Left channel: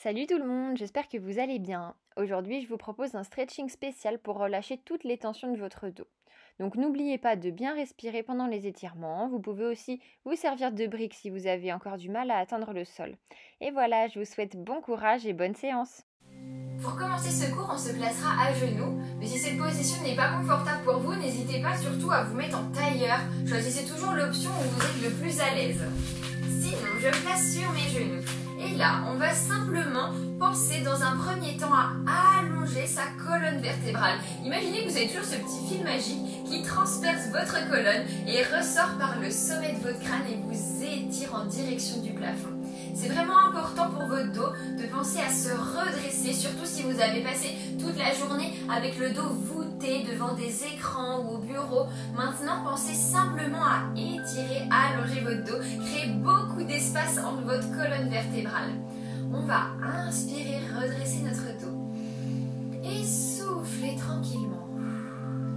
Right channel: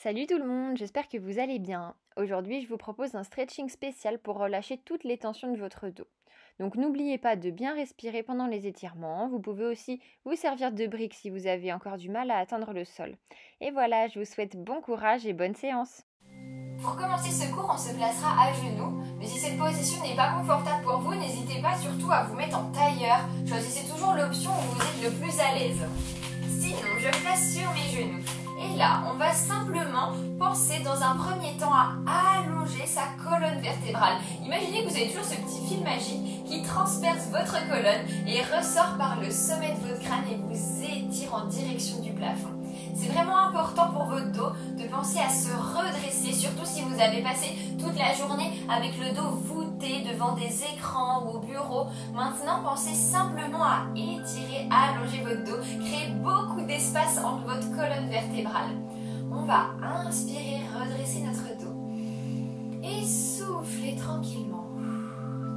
Salut tout le monde, j'espère que vous allez bien. Aujourd'hui, je vous propose un stretching spécial pour relâcher toutes les tensions de votre dos. Donc n'oubliez pas de bien respirer pendant les étirements. Vous pouvez aussi vous servir de briques si vous avez encore du mal à atteindre le sol. Et voilà, je vous souhaite bon courage et bonne séance. Pour commencer ce cours, on se placera à genoux. Mais si cette position n'est pas confortable pour vous, n'hésitez pas surtout à vous mettre en tailleur. Choisissez toujours l'option où vous êtes le plus à l'aise. Sinon, je me place sur mes genoux. Et là, on va simplement penser dans un premier temps à allonger sa colonne vertébrale. Imaginez que vous avez toujours ce petit fil magique qui transperce votre colonne et ressort par le sommet de votre crâne et vous étire en direction du plafond. C'est vraiment important pour votre dos de penser à se redresser, surtout si vous avez passé toute la journée avec le dos voûté devant des écrans ou au bureau. Maintenant, pensez simplement à étirer, allonger votre dos, créer beaucoup d'espace entre votre colonne vertébrale. On va inspirer, redresser notre dos et souffler tranquillement.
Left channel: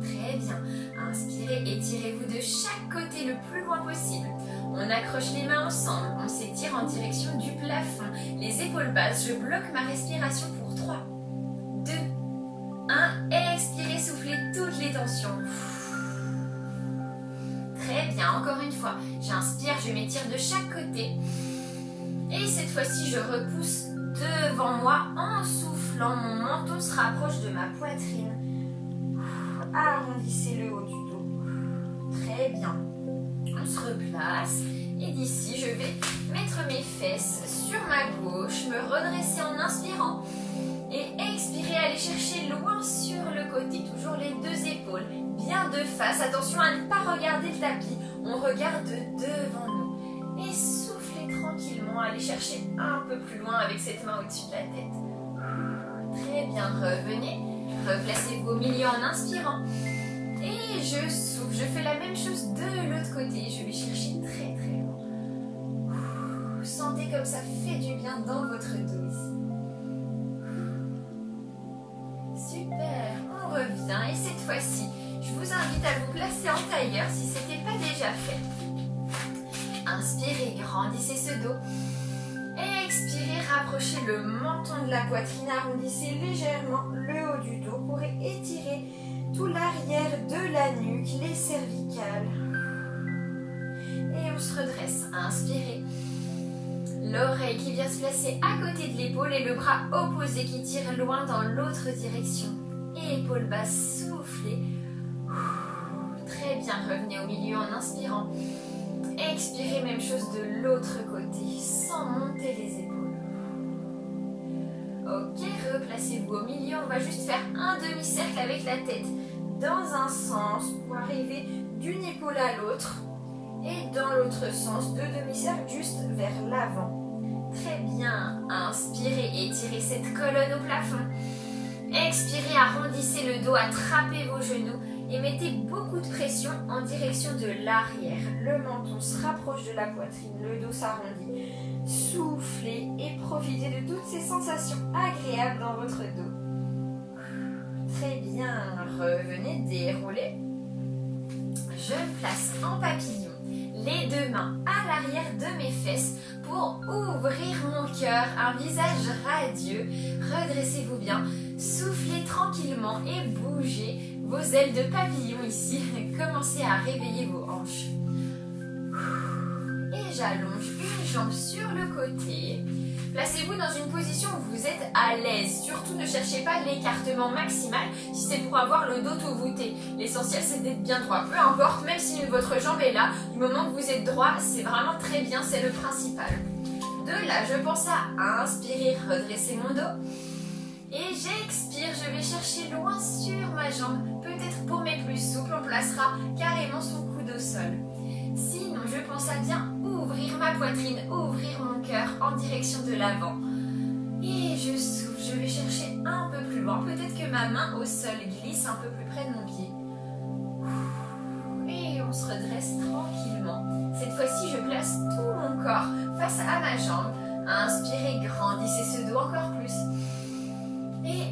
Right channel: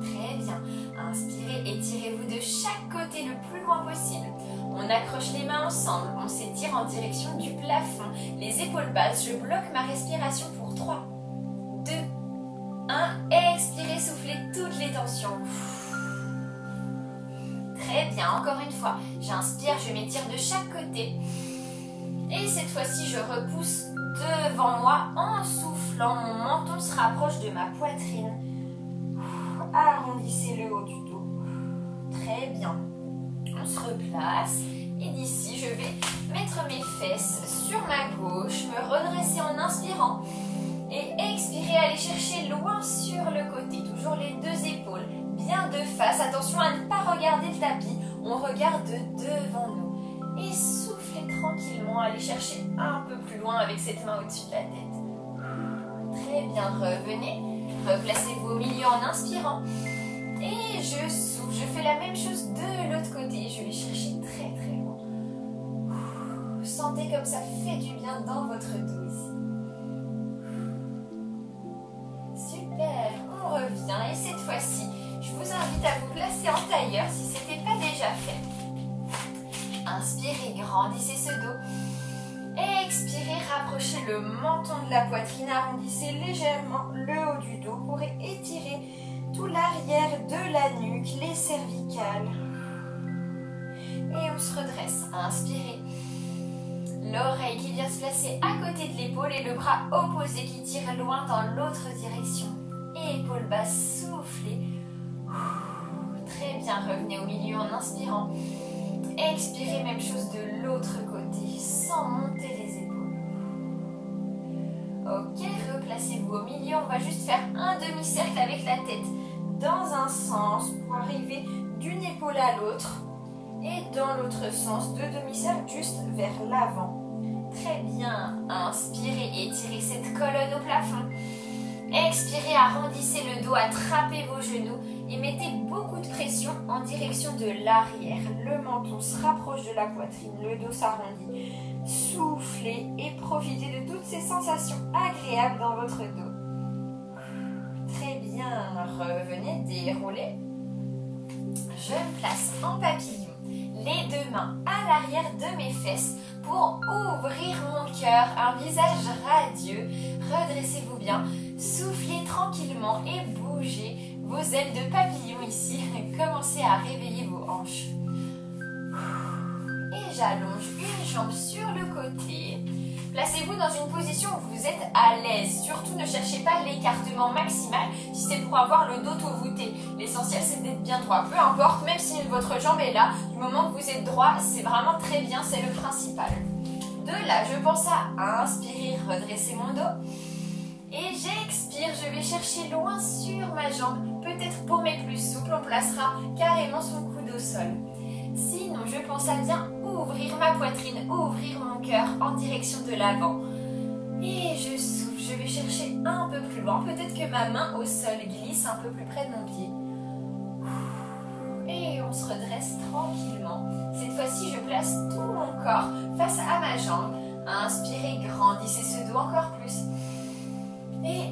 Très bien. Inspirez, étirez-vous de chaque côté le plus loin possible. On accroche les mains ensemble, on s'étire en direction du plafond, les épaules basses, je bloque ma respiration pour 3, 2, 1, expirez, soufflez toutes les tensions. Très bien, encore une fois, j'inspire, je m'étire de chaque côté. Et cette fois-ci, je repousse devant moi en soufflant, mon menton se rapproche de ma poitrine. Arrondissez le haut du dos. Très bien. On se replace et d'ici je vais mettre mes fesses sur ma gauche, me redresser en inspirant et expirer, aller chercher loin sur le côté, toujours les deux épaules bien de face, attention à ne pas regarder le tapis, on regarde devant nous et soufflez tranquillement, allez chercher un peu plus loin avec cette main au-dessus de la tête. Très bien, revenez, replacez-vous au milieu en inspirant. Et je souffle, je fais la même chose de l'autre côté. Je vais chercher très très loin. Sentez comme ça fait du bien dans votre dos ici. Super, on revient et cette fois-ci, je vous invite à vous placer en tailleur si ce n'était pas déjà fait. Inspirez, grandissez ce dos. Expirez, rapprochez le menton de la poitrine, arrondissez légèrement le haut du dos pour étirer tout l'arrière de la nuque, les cervicales. Et on se redresse. Inspirez. L'oreille qui vient se placer à côté de l'épaule et le bras opposé qui tire loin dans l'autre direction. Épaule basse, soufflez. Très bien, revenez au milieu en inspirant. Expirez, même chose de l'autre côté, sans monter les épaules. Ok, replacez-vous au milieu. On va juste faire un demi-cercle avec la tête dans un sens pour arriver d'une épaule à l'autre et dans l'autre sens, deux demi-cercles juste vers l'avant. Très bien, inspirez, étirez cette colonne au plafond. Expirez, arrondissez le dos, attrapez vos genoux et mettez beaucoup de pression en direction de l'arrière. Le menton se rapproche de la poitrine, le dos s'arrondit. Soufflez et profitez de toutes ces sensations agréables dans votre dos. Très bien, revenez, déroulez. Je me place en papillon, les deux mains à l'arrière de mes fesses pour ouvrir mon cœur, un visage radieux. Redressez-vous bien, soufflez tranquillement et bougez vos ailes de papillon ici. Commencez à réveiller vos hanches. Et j'allonge une jambe sur le côté. Placez-vous dans une position où vous êtes à l'aise. Surtout ne cherchez pas l'écartement maximal si c'est pour avoir le dos tout voûté. L'essentiel c'est d'être bien droit. Peu importe, même si votre jambe est là, du moment que vous êtes droit, c'est vraiment très bien, c'est le principal. De là, je pense à inspirer, redresser mon dos. Et j'expire, je vais chercher loin sur ma jambe. Peut-être pour mes plus souples, on placera carrément son coude au sol. Sinon, je pense à bien ouvrir ma poitrine, ouvrir mon cœur en direction de l'avant. Et je souffle, je vais chercher un peu plus loin. Peut-être que ma main au sol glisse un peu plus près de mon pied. Et on se redresse tranquillement. Cette fois-ci, je place tout mon corps face à ma jambe. Inspirez, grandissez ce dos encore plus. Et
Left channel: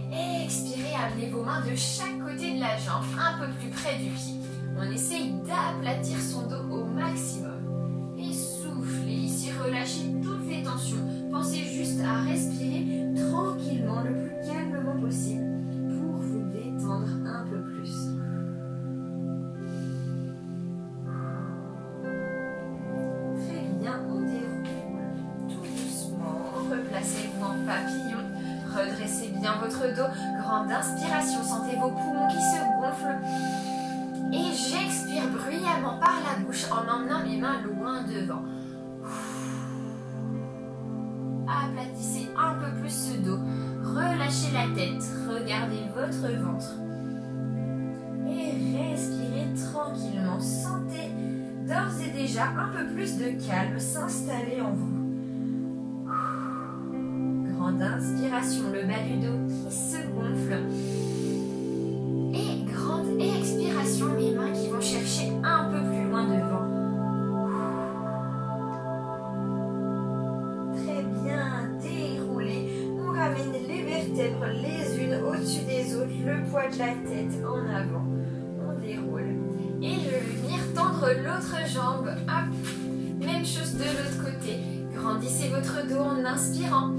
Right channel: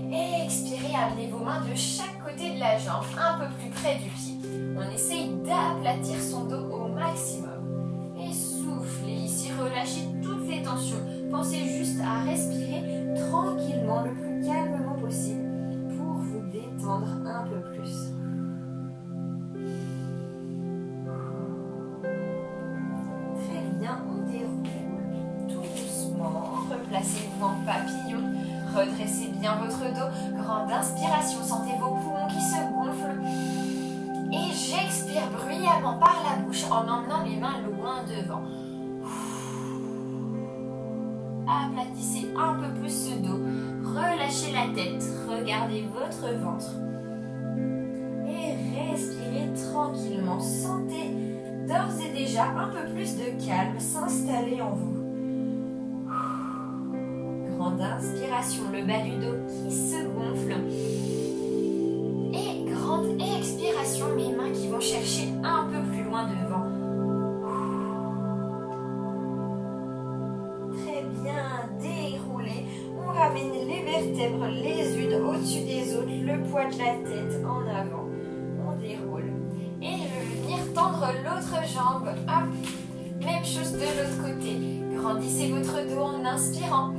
expirez, amenez vos mains de chaque côté de la jambe, un peu plus près du pied. On essaye d'aplatir son dos au maximum. Et soufflez ici, relâchez toutes les tensions. Pensez juste à respirer bien votre dos. Grande inspiration, sentez vos poumons qui se gonflent. Et j'expire bruyamment par la bouche en emmenant mes mains loin devant. Aplatissez un peu plus ce dos. Relâchez la tête. Regardez votre ventre. Et respirez tranquillement. Sentez d'ores et déjà un peu plus de calme s'installer en vous. Grande inspiration, le bas du dos qui se gonfle. Et grande expiration, mes mains qui vont chercher un peu plus loin devant. Très bien, déroulez. On ramène les vertèbres les unes au-dessus des autres, le poids de la tête en avant. On déroule. Et je vais venir tendre l'autre jambe. Hop. Même chose de l'autre côté. Grandissez votre dos en inspirant.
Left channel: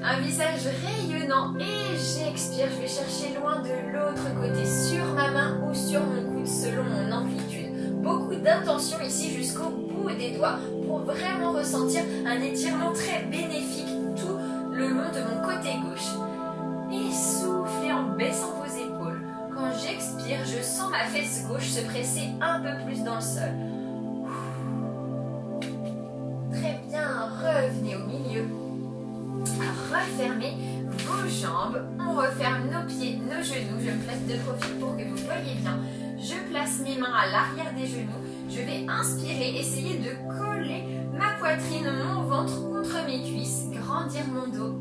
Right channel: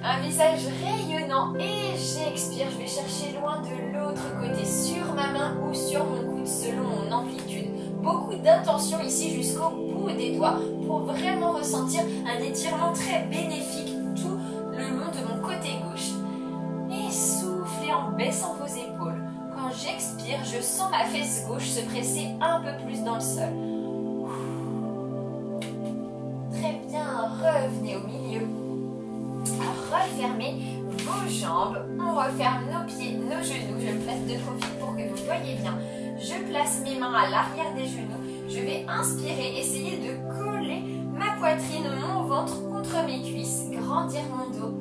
Un visage rayonnant et j'expire, je vais chercher loin de l'autre côté, sur ma main ou sur mon coude selon mon amplitude. Beaucoup d'intention ici jusqu'au bout des doigts pour vraiment ressentir un étirement très bénéfique tout le long de mon côté gauche. Et soufflez en baissant vos épaules. Quand j'expire, je sens ma fesse gauche se presser un peu plus dans le sol. Très bien, revenez au milieu. Refermez vos jambes, on referme nos pieds, nos genoux. Je me place de profil pour que vous voyez bien. Je place mes mains à l'arrière des genoux. Je vais inspirer, essayer de coller ma poitrine, mon ventre contre mes cuisses, grandir mon dos.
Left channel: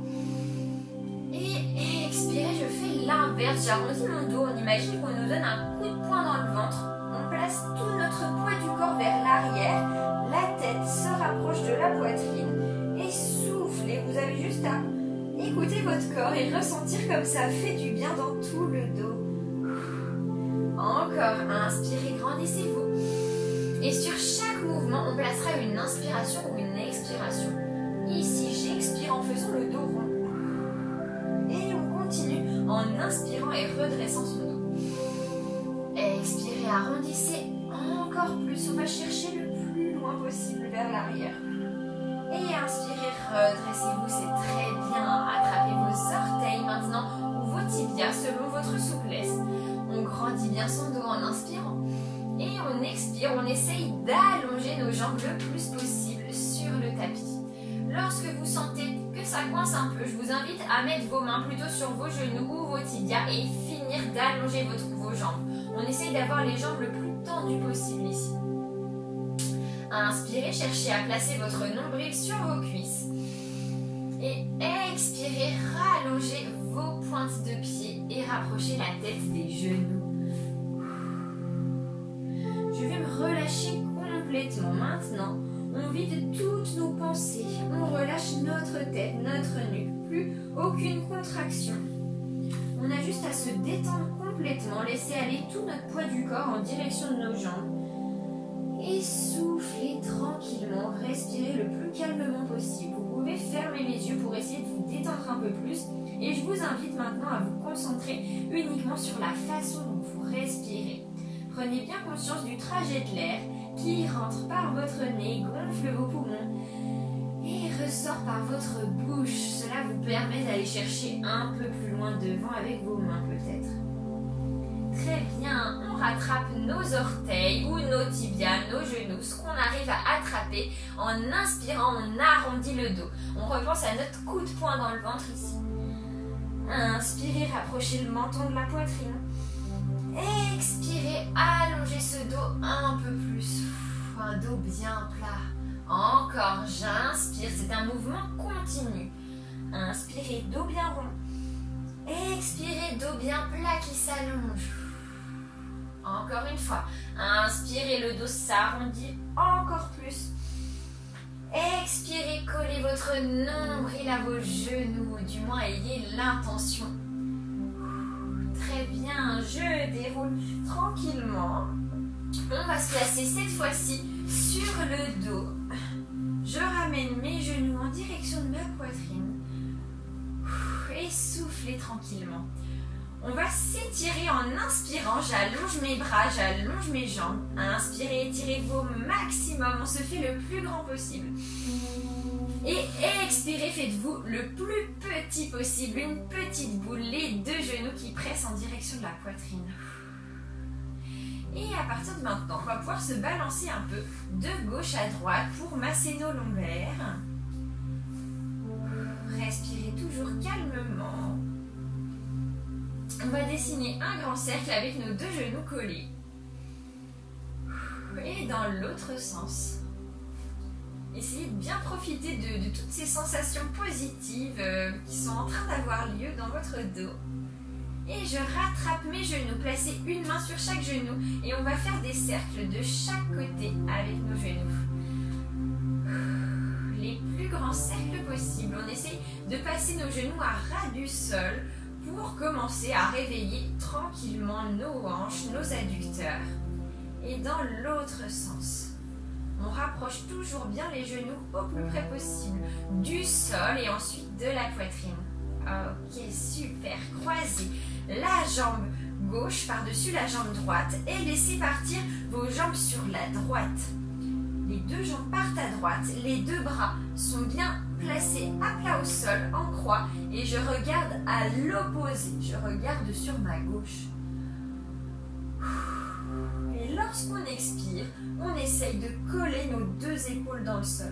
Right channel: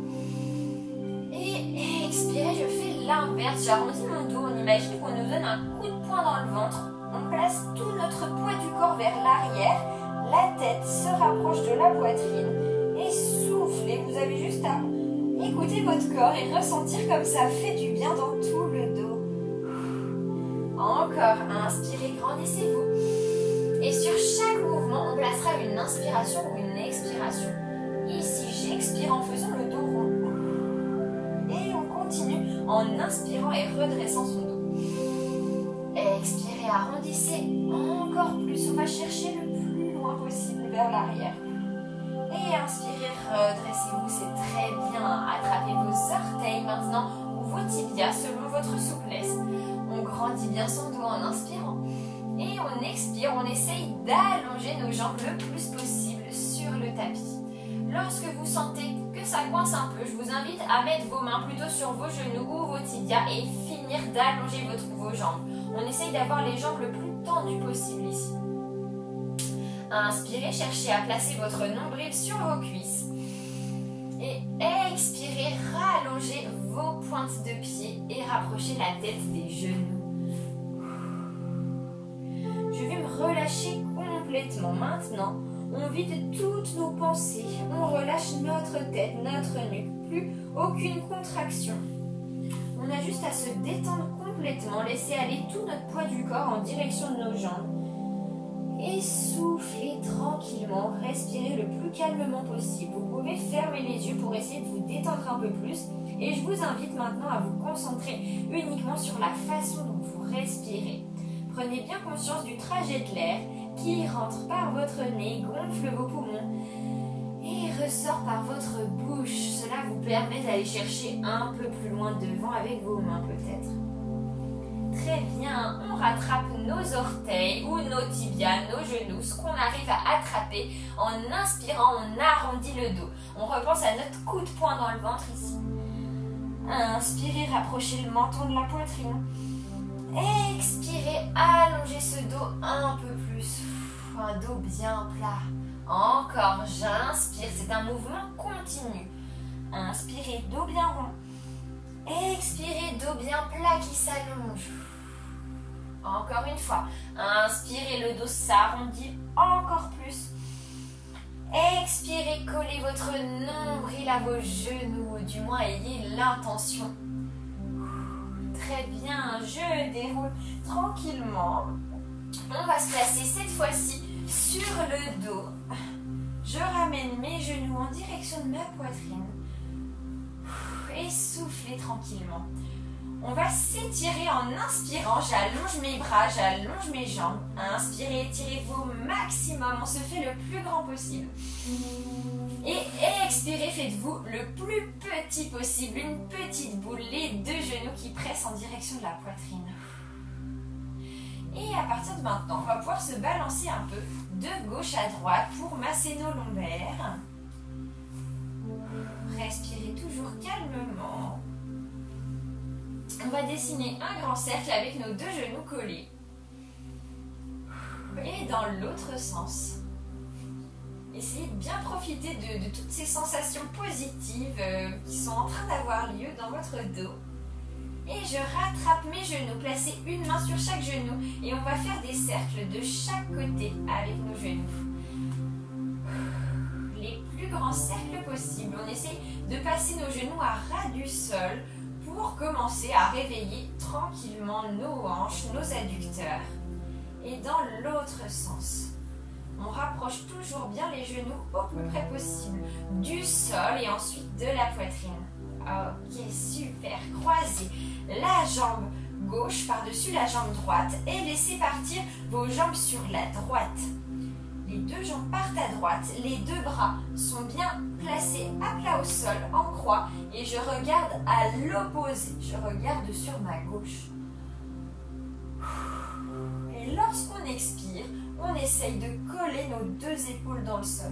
Et expirer, je fais l'inverse. J'arrondis mon dos. On imagine qu'on nous donne un coup de poing dans le ventre. On place tout notre poids du corps vers l'arrière. La tête se rapproche de la poitrine. Et soufflez, vous avez juste à écoutez votre corps et ressentir comme ça fait du bien dans tout le dos. Encore, inspirez, grandissez-vous. Et sur chaque mouvement, on placera une inspiration ou une expiration. Ici, j'expire en faisant le dos rond. Et on continue en inspirant et redressant son dos. Expirez, arrondissez encore plus. On va chercher le plus loin possible vers l'arrière. Et inspirez, redressez-vous, c'est très bien. Attrapez vos orteils maintenant ou vos tibias selon votre souplesse. On grandit bien son dos en inspirant. Et on expire, on essaye d'allonger nos jambes le plus possible sur le tapis. Lorsque vous sentez que ça coince un peu, je vous invite à mettre vos mains plutôt sur vos genoux ou vos tibias et finir d'allonger vos jambes. On essaye d'avoir les jambes le plus tendues possible ici. Inspirez, cherchez à placer votre nombril sur vos cuisses. Et expirez, rallongez vos pointes de pied et rapprochez la tête des genoux. Je vais me relâcher complètement. Maintenant, on vide toutes nos pensées. On relâche notre tête, notre nuque. Plus aucune contraction. On a juste à se détendre complètement. Laisser aller tout notre poids du corps en direction de nos jambes. Et soufflez tranquillement, respirez le plus calmement possible. Vous pouvez fermer les yeux pour essayer de vous détendre un peu plus. Et je vous invite maintenant à vous concentrer uniquement sur la façon dont vous respirez. Prenez bien conscience du trajet de l'air qui rentre par votre nez, gonfle vos poumons et ressort par votre bouche. Cela vous permet d'aller chercher un peu plus loin devant avec vos mains peut-être. Très bien, on rattrape nos orteils ou nos tibias, nos genoux, ce qu'on arrive à attraper. En inspirant, on arrondit le dos. On repense à notre coup de poing dans le ventre ici. Inspirez, rapprochez le menton de la poitrine. Expirez, allongez ce dos un peu plus. Un dos bien plat. Encore, j'inspire, c'est un mouvement continu. Inspirez, dos bien rond. Expirez, dos bien plat qui s'allonge. Encore une fois. Inspirez, le dos s'arrondit encore plus. Expirez, collez votre nombril à vos genoux, ou du moins ayez l'intention. Très bien, je déroule tranquillement. On va se placer cette fois-ci sur le dos. Je ramène mes genoux en direction de ma poitrine. Et soufflez tranquillement. On va s'étirer en inspirant. J'allonge mes bras, j'allonge mes jambes. Inspirez, étirez-vous au maximum. On se fait le plus grand possible. Et expirez, faites-vous le plus petit possible. Une petite boule, les deux genoux qui pressent en direction de la poitrine. Et à partir de maintenant, on va pouvoir se balancer un peu de gauche à droite pour masser nos lombaires. Respirez toujours calmement. On va dessiner un grand cercle avec nos deux genoux collés. Et dans l'autre sens. Essayez de bien profiter de toutes ces sensations positives qui sont en train d'avoir lieu dans votre dos. Et je rattrape mes genoux, placez une main sur chaque genou et on va faire des cercles de chaque côté avec nos genoux. Les plus grands cercles possibles. On essaye de passer nos genoux à ras du sol pour commencer à réveiller tranquillement nos hanches, nos adducteurs. Et dans l'autre sens, on rapproche toujours bien les genoux au plus près possible du sol et ensuite de la poitrine. Ok, super. Croisez la jambe gauche par-dessus la jambe droite et laissez partir vos jambes sur la droite. Les deux jambes partent à droite, les deux bras sont bien placés à plat au sol en croix et je regarde à l'opposé, je regarde sur ma gauche. Et lorsqu'on expire, on essaye de coller nos deux épaules dans le sol.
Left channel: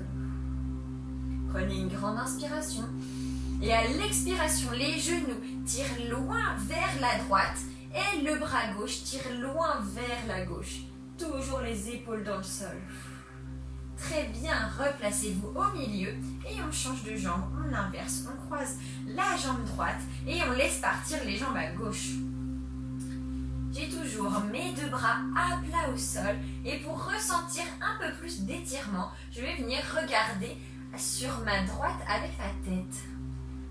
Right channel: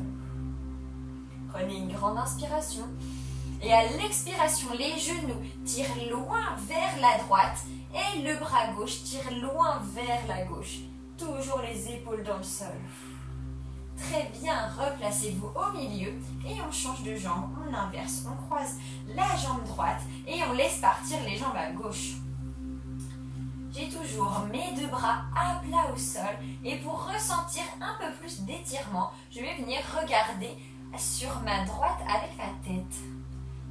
Prenez une grande inspiration. Et à l'expiration, les genoux tirent loin vers la droite et le bras gauche tire loin vers la gauche. Toujours les épaules dans le sol. Très bien, replacez-vous au milieu et on change de jambe, on inverse, on croise la jambe droite et on laisse partir les jambes à gauche. J'ai toujours mes deux bras à plat au sol et pour ressentir un peu plus d'étirement, je vais venir regarder sur ma droite avec la tête.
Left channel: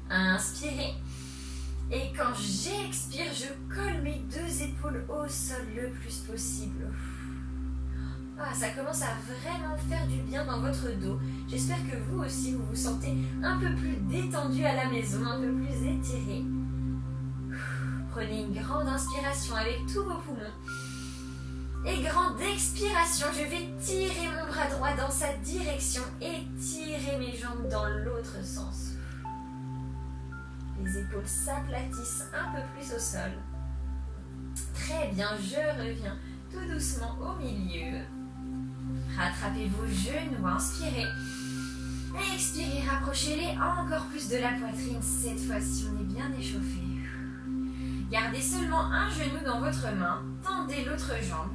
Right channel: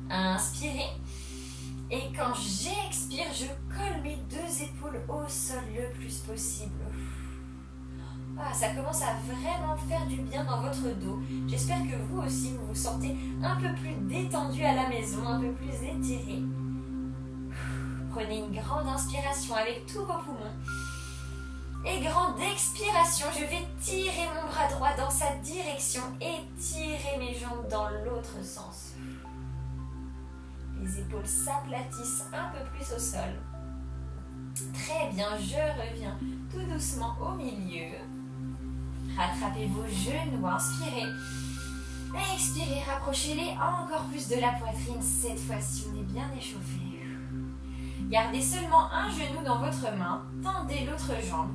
Inspirez et quand j'expire, je colle mes deux épaules au sol le plus possible. Ça commence à vraiment faire du bien dans votre dos. J'espère que vous aussi, vous vous sentez un peu plus détendu à la maison, un peu plus étiré. Prenez une grande inspiration avec tous vos poumons. Et grande expiration, je vais tirer mon bras droit dans sa direction et tirer mes jambes dans l'autre sens. Les épaules s'aplatissent un peu plus au sol. Très bien, je reviens tout doucement au milieu. Rattrapez vos genoux, inspirez. Expirez, rapprochez-les encore plus de la poitrine. Cette fois-ci, on est bien échauffé. Gardez seulement un genou dans votre main. Tendez l'autre jambe.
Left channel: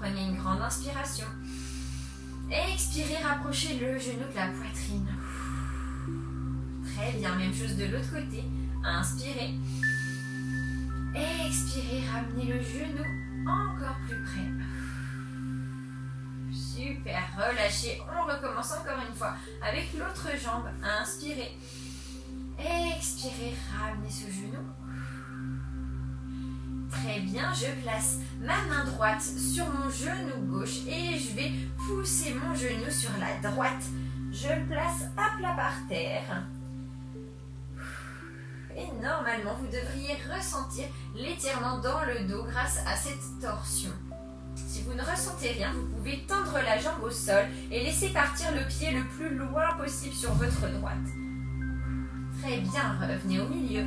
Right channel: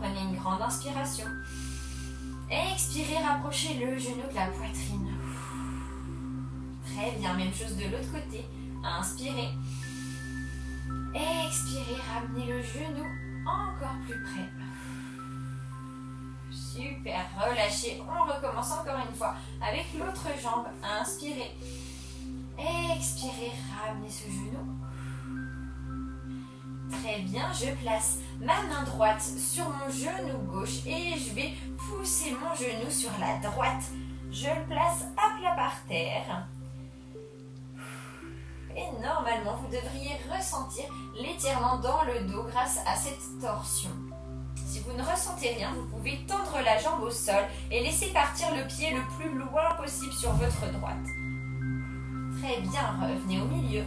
Prenez une grande inspiration. Expirez, rapprochez le genou de la poitrine. Très bien, même chose de l'autre côté. Inspirez. Expirez, ramenez le genou encore plus près. Super, relâchez. On recommence encore une fois avec l'autre jambe. Inspirez. Expirez, ramenez ce genou. Très bien, je place ma main droite sur mon genou gauche et je vais pousser mon genou sur la droite. Je le place à plat par terre. Et normalement, vous devriez ressentir l'étirement dans le dos grâce à cette torsion. Si vous ne ressentez rien, vous pouvez tendre la jambe au sol et laisser partir le pied le plus loin possible sur votre droite. Très bien, revenez au milieu.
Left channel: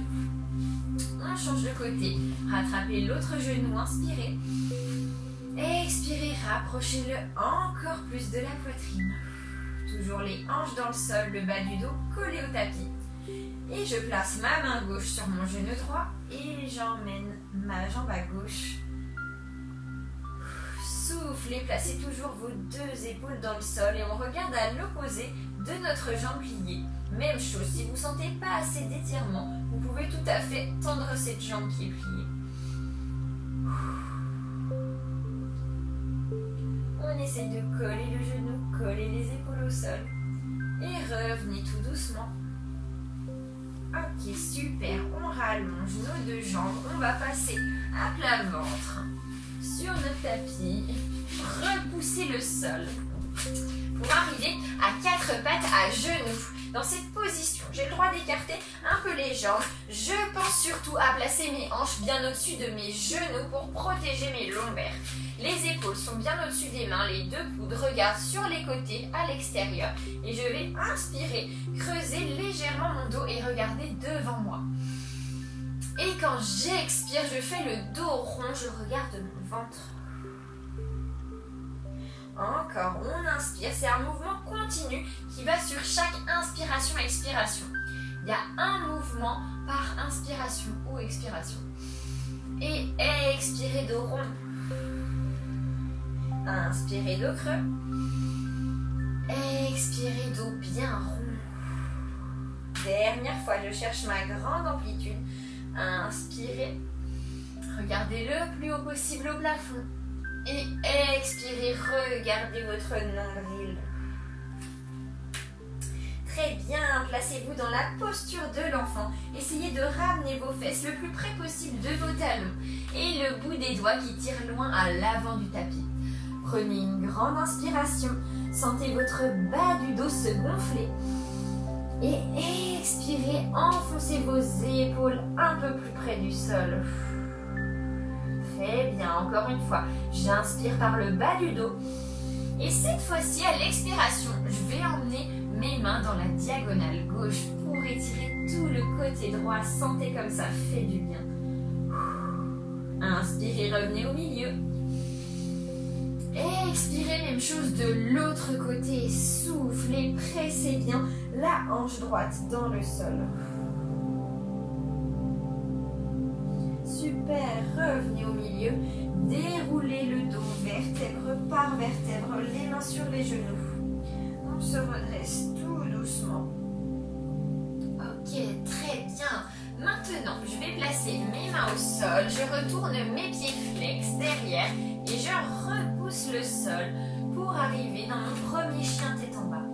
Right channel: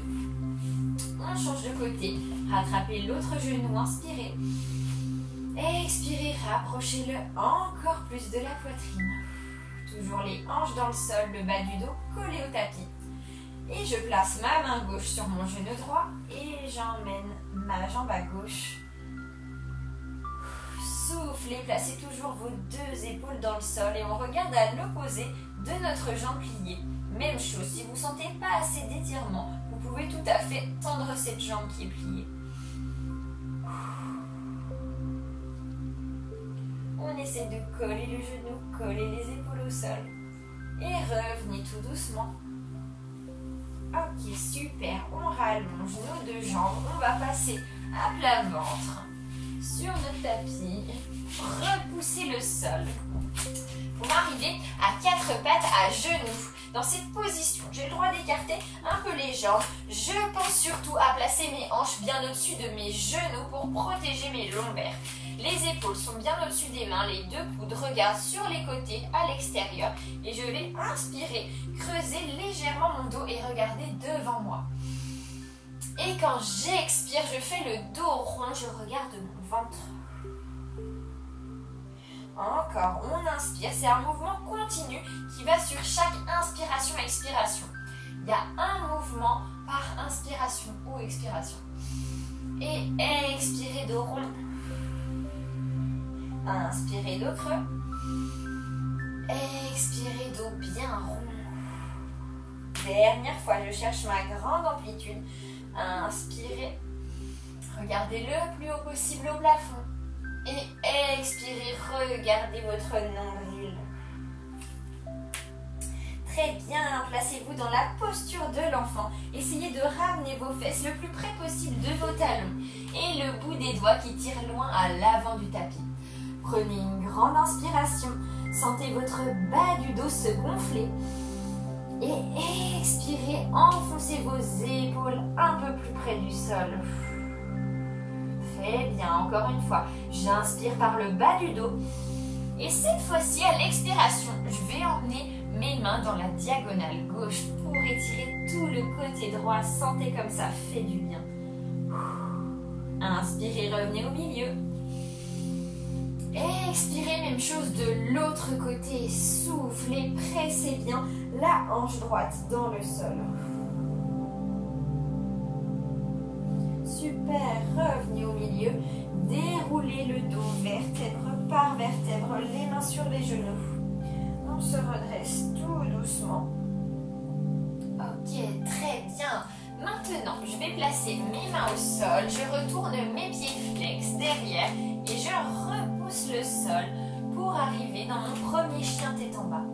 On change de côté. Rattrapez l'autre genou, inspirez. Expirez, rapprochez-le encore plus de la poitrine. Toujours les hanches dans le sol, le bas du dos collé au tapis. Et je place ma main gauche sur mon genou droit et j'emmène ma jambe à gauche. Soufflez, placez toujours vos deux épaules dans le sol et on regarde à l'opposé de notre jambe pliée. Même chose, si vous ne sentez pas assez d'étirement, vous pouvez tout à fait tendre cette jambe qui est pliée. On essaie de coller le genou, coller les épaules au sol et revenez tout doucement. Ok, super, on rallonge nos deux jambes, on va passer à plat ventre sur notre tapis, repousser le sol pour arriver à quatre pattes à genoux. Dans cette position, j'ai le droit d'écarter un peu les jambes. Je pense surtout à placer mes hanches bien au-dessus de mes genoux pour protéger mes lombaires. Les épaules sont bien au-dessus des mains, les deux coudes regardent sur les côtés à l'extérieur. Et je vais inspirer, creuser légèrement mon dos et regarder devant moi. Et quand j'expire, je fais le dos rond, je regarde mon ventre. Encore, on inspire, c'est un mouvement continu qui va sur chaque inspiration-expiration. Il y a un mouvement par inspiration ou expiration. Et expirez dos rond. Inspirez dos creux. Expirez dos bien rond. Dernière fois, je cherche ma grande amplitude. Inspirez. Regardez le plus haut possible au plafond. Et expirez, regardez votre nombril. Très bien, placez-vous dans la posture de l'enfant. Essayez de ramener vos fesses le plus près possible de vos talons et le bout des doigts qui tire loin à l'avant du tapis. Prenez une grande inspiration, sentez votre bas du dos se gonfler et expirez, enfoncez vos épaules un peu plus près du sol. Très bien, encore une fois, j'inspire par le bas du dos et cette fois-ci à l'expiration, je vais emmener mes mains dans la diagonale gauche pour étirer tout le côté droit. Sentez comme ça fait du bien. Inspirez, revenez au milieu. Expirez, même chose de l'autre côté. Soufflez, pressez bien la hanche droite dans le sol. Super, revenez au milieu. Déroulez le dos vertèbre par vertèbre, les mains sur les genoux. On se redresse tout doucement. Ok, très bien. Maintenant, je vais placer mes mains au sol. Je retourne mes pieds flex derrière et je repousse le sol pour arriver dans mon premier chien tête en bas.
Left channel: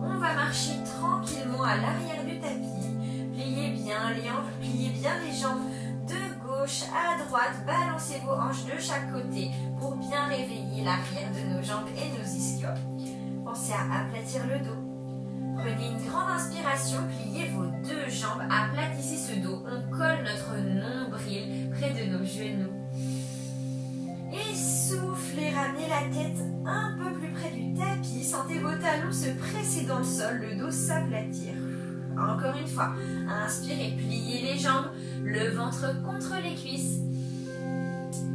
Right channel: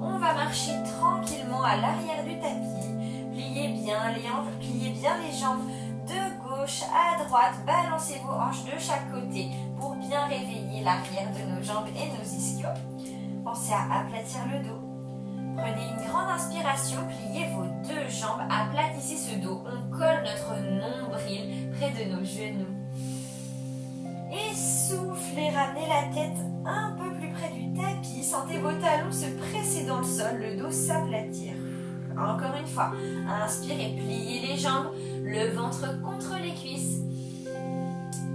On va marcher tranquillement à l'arrière du tapis. Pliez bien les hanches, pliez bien les jambes de gauche à droite. Balancez vos hanches de chaque côté pour bien réveiller l'arrière de nos jambes et nos ischios. Pensez à aplatir le dos. Prenez une grande inspiration, pliez vos deux jambes, aplatissez ce dos. On colle notre nombril près de nos genoux. Et soufflez, ramenez la tête un peu plus près du tapis. Sentez vos talons se presser dans le sol, le dos s'aplatir. Encore une fois, inspirez, pliez les jambes, le ventre contre les cuisses.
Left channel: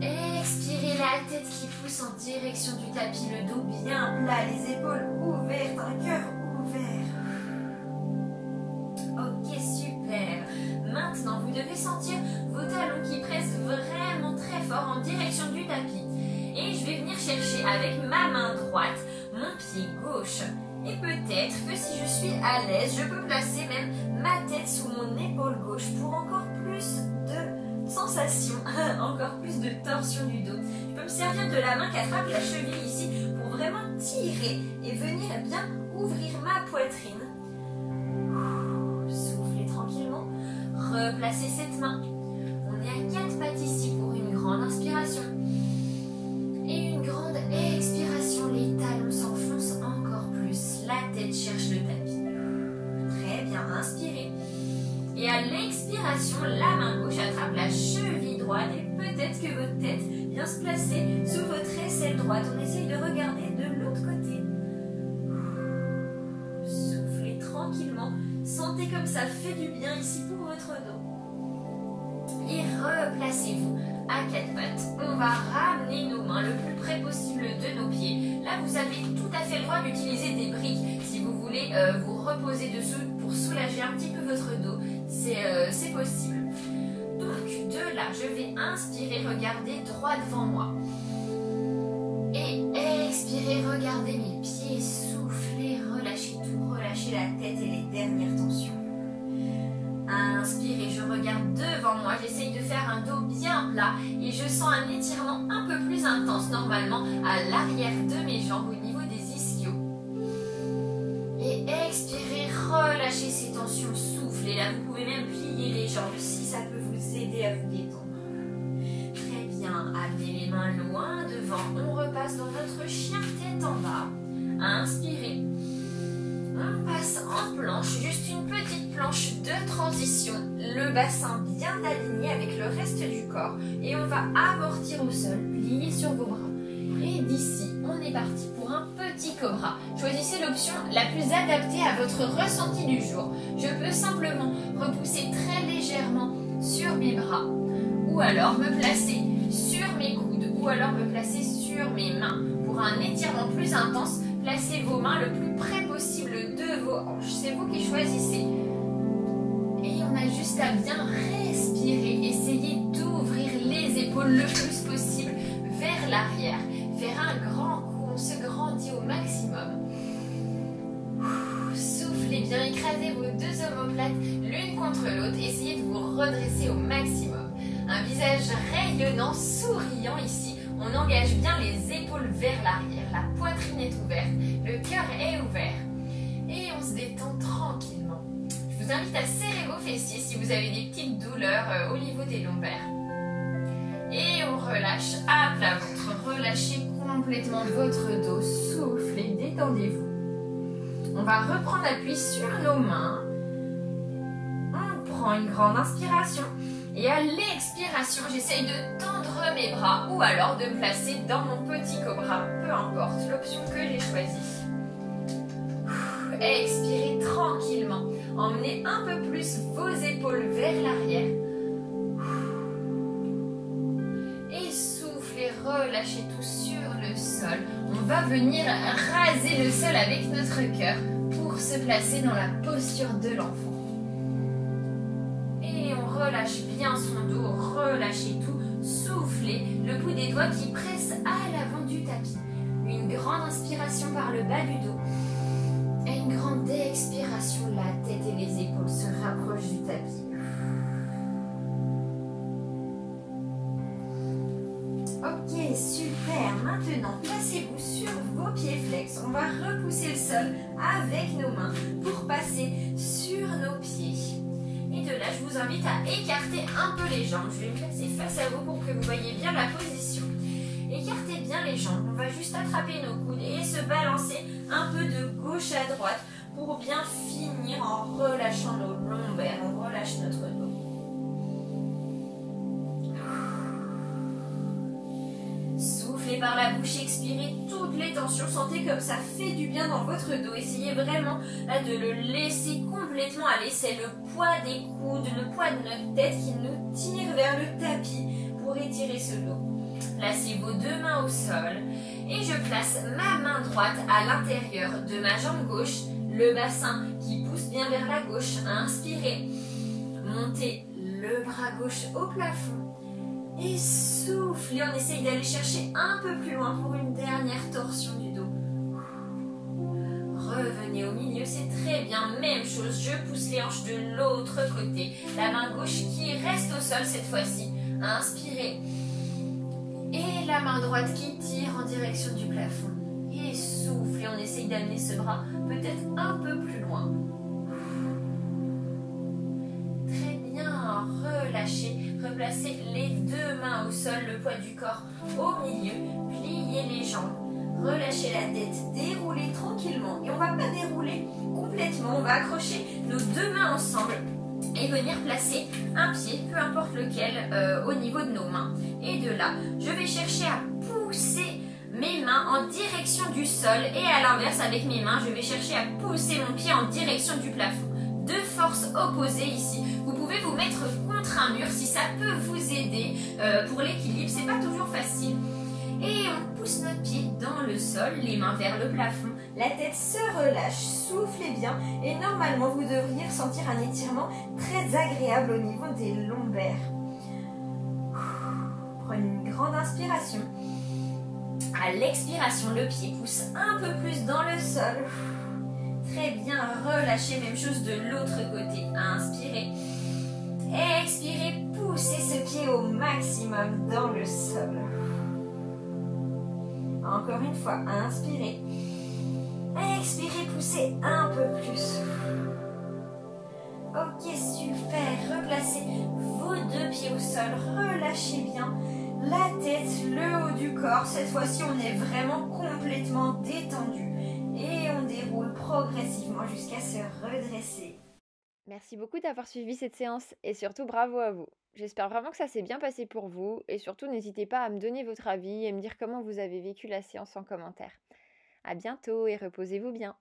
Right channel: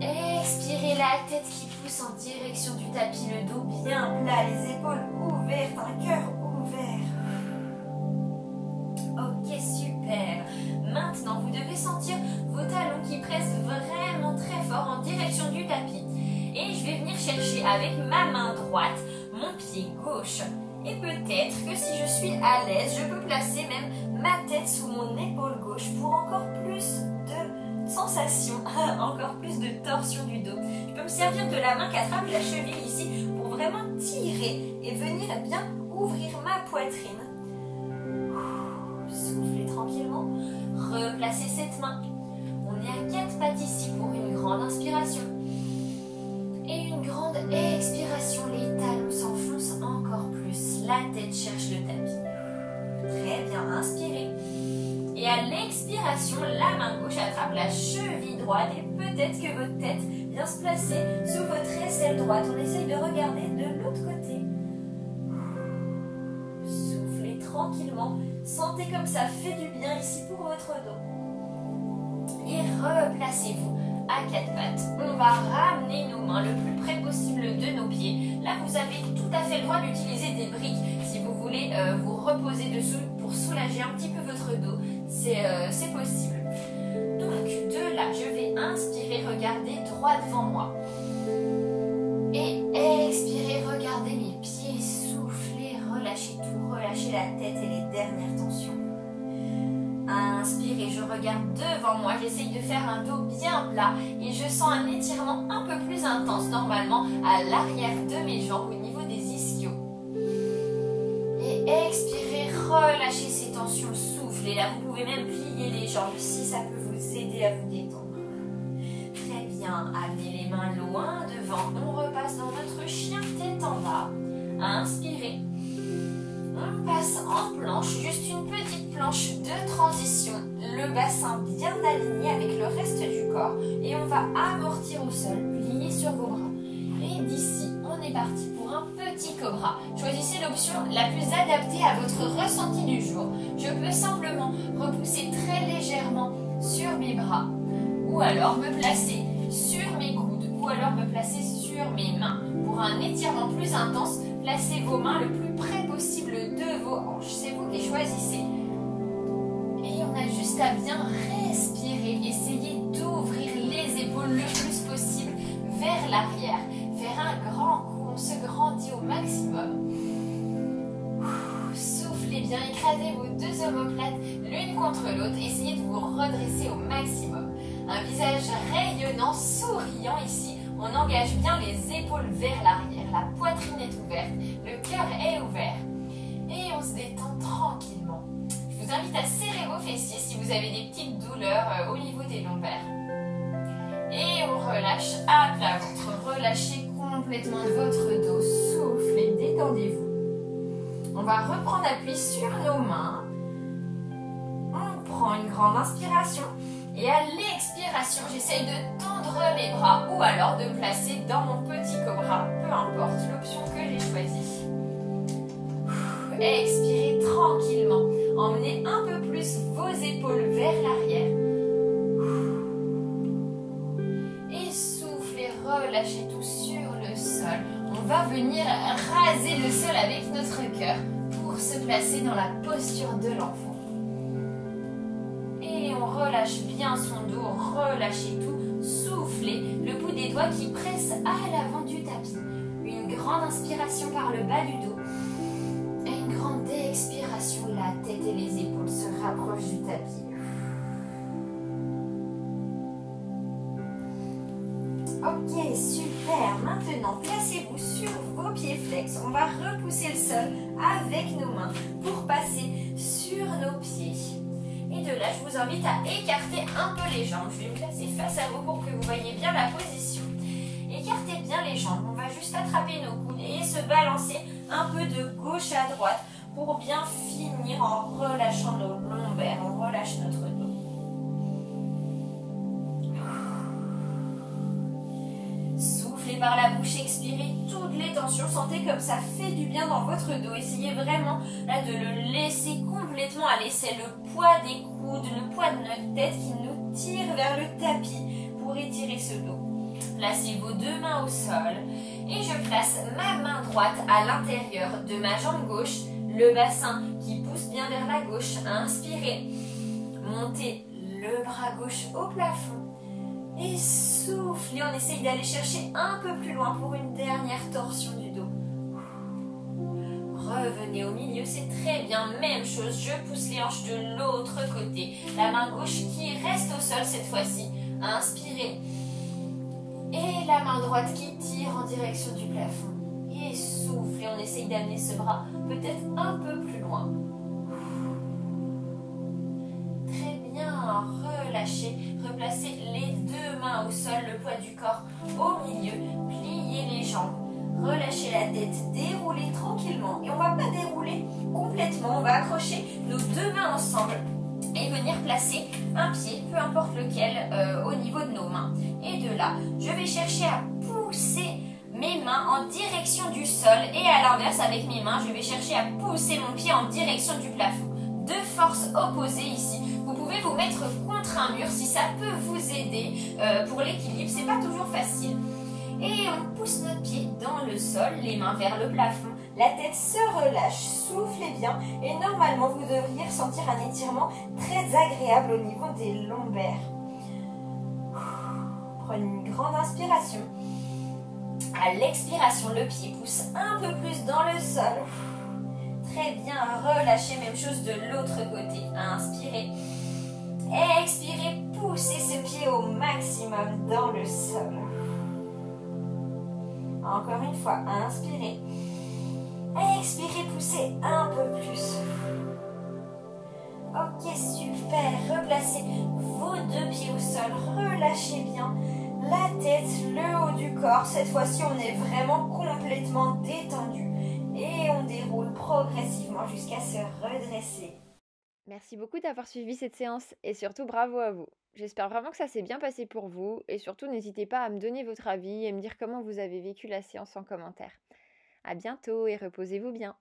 Expirez, la tête qui pousse en direction du tapis, le dos bien plat, les épaules ouvertes, un cœur ouvert. Ok, super. Maintenant, vous devez sentir vos talons qui pressent vraiment très fort en direction du tapis. Et je vais venir chercher avec ma main droite mon pied gauche. Et peut-être que si je suis à l'aise, je peux placer même ma tête sous mon épaule gauche pour encore plus de sensation, encore plus de torsion du dos. Je peux me servir de la main qui attrape la cheville ici pour vraiment tirer et venir bien ouvrir ma poitrine. Soufflez tranquillement, replacez cette main. On est à 4 pattes ici pour une grande inspiration. Et une grande expiration, les talons s'enfoncent encore plus, la tête cherche le tapis. Très bien, inspirez. Et à l'expiration, la main gauche attrape la cheville droite et peut-être que votre tête vient se placer sous votre aisselle droite. On essaye de regarder de l'autre côté. Soufflez tranquillement. Sentez comme ça fait du bien ici pour votre dos. Et replacez-vous à 4 pattes. On va ramener nos mains le plus près possible de nos pieds. Là, vous avez tout à fait le droit d'utiliser des briques si vous voulez vous reposer dessous pour soulager un petit peu votre dos. C'est possible. Donc, de là, je vais inspirer, regarder droit devant moi. Et expirer, regardez mes pieds, soufflez, relâchez tout, relâchez la tête et les dernières tensions. Inspirez, je regarde devant moi, j'essaye de faire un dos bien plat et je sens un étirement un peu plus intense normalement à l'arrière de mes jambes au niveau des ischios. Et expirez, relâchez ces tensions, soufflez. Là, vous pouvez même plier les jambes si ça peut vous aider à vous détendre. Très bien, amenez les mains loin devant, on repasse dans notre chien tête en bas. Inspirez. On passe en planche juste bassin bien aligné avec le reste du corps. Et on va amortir au sol, plier sur vos bras. Et d'ici, on est parti pour un petit cobra. Choisissez l'option la plus adaptée à votre ressenti du jour. Je peux simplement repousser très légèrement sur mes bras, ou alors me placer sur mes coudes, ou alors me placer sur mes mains. Pour un étirement plus intense, placez vos mains le plus près possible de vos hanches. C'est vous qui choisissez. Et on a juste à bien respirer. Essayez d'ouvrir les épaules le plus possible vers l'arrière. Faire un grand coup, on se grandit au maximum. Soufflez bien, écrasez vos deux omoplates l'une contre l'autre. Essayez de vous redresser au maximum. Un visage rayonnant, souriant ici. On engage bien les épaules vers l'arrière. La poitrine est ouverte, le cœur est ouvert. Et on se détend tranquillement. Je vous invite à serrer vos fessiers si vous avez des petites douleurs au niveau des lombaires. Et on relâche à plat ventre. Relâchez complètement votre dos. Soufflez, détendez-vous. On va reprendre appui sur nos mains. On prend une grande inspiration. Et à l'expiration, j'essaye de tendre mes bras ou alors de me placer dans mon petit cobra. Peu importe l'option que j'ai choisie. Expirez tranquillement. Emmenez un peu plus vos épaules vers l'arrière. Et soufflez, relâchez tout sur le sol. On va venir raser le sol avec notre cœur pour se placer dans la posture de l'enfant. Relâche bien son dos, relâchez tout, soufflez, le bout des doigts qui presse à l'avant du tapis. Une grande inspiration par le bas du dos et une grande expiration, la tête et les épaules se rapprochent du tapis. Ok, super. Maintenant, placez-vous sur vos pieds flex. On va repousser le sol avec nos mains pour passer sur nos pieds. Et de là, je vous invite à écarter un peu les jambes. Je vais me placer face à vous pour que vous voyez bien la position. Écartez bien les jambes. On va juste attraper nos coudes et se balancer un peu de gauche à droite pour bien finir en relâchant nos lombaires. On relâche notre dos. Soufflez par la bouche, expirez toutes les tensions. Sentez comme ça fait du bien dans votre dos. Essayez vraiment là, de le laisser complètement aller. C'est le poids des coudes, le poids de notre tête qui nous tire vers le tapis pour étirer ce dos. Placez vos deux mains au sol et je place ma main droite à l'intérieur de ma jambe gauche, le bassin qui pousse bien vers la gauche. Inspirez, montez le bras gauche au plafond et soufflez. On essaye d'aller chercher un peu plus loin pour une dernière torsion du dos. Revenez au milieu, c'est très bien. Même chose, je pousse les hanches de l'autre côté. La main gauche qui reste au sol cette fois-ci. Inspirez. Et la main droite qui tire en direction du plafond. Et soufflez, on essaye d'amener ce bras peut-être un peu plus loin. Très bien, relâchez. Replacez les deux mains au sol, le poids du corps au milieu. Pliez les jambes. Relâchez la tête, déroulez tranquillement. Et on ne va pas dérouler complètement. On va accrocher nos deux mains ensemble et venir placer un pied, peu importe lequel, au niveau de nos mains. Et de là, je vais chercher à pousser mes mains en direction du sol. Et à l'inverse, avec mes mains, je vais chercher à pousser mon pied en direction du plafond. Deux forces opposées ici. Vous pouvez vous mettre contre un mur si ça peut vous aider pour l'équilibre. C'est pas toujours facile. Et on pousse notre pied dans le sol, les mains vers le plafond. La tête se relâche, soufflez bien. Et normalement, vous devriez ressentir un étirement très agréable au niveau des lombaires. Prenez une grande inspiration. À l'expiration, le pied pousse un peu plus dans le sol. Très bien, relâchez, même chose de l'autre côté. Inspirez. Expirez, poussez ce pied au maximum dans le sol. Encore une fois, inspirez. Expirez, poussez un peu plus. Ok, super. Replacez vos deux pieds au sol. Relâchez bien la tête, le haut du corps. Cette fois-ci, on est vraiment complètement détendu. Et on déroule progressivement jusqu'à se redresser. Merci beaucoup d'avoir suivi cette séance et surtout bravo à vous. J'espère vraiment que ça s'est bien passé pour vous et surtout n'hésitez pas à me donner votre avis et me dire comment vous avez vécu la séance en commentaire. À bientôt et reposez-vous bien.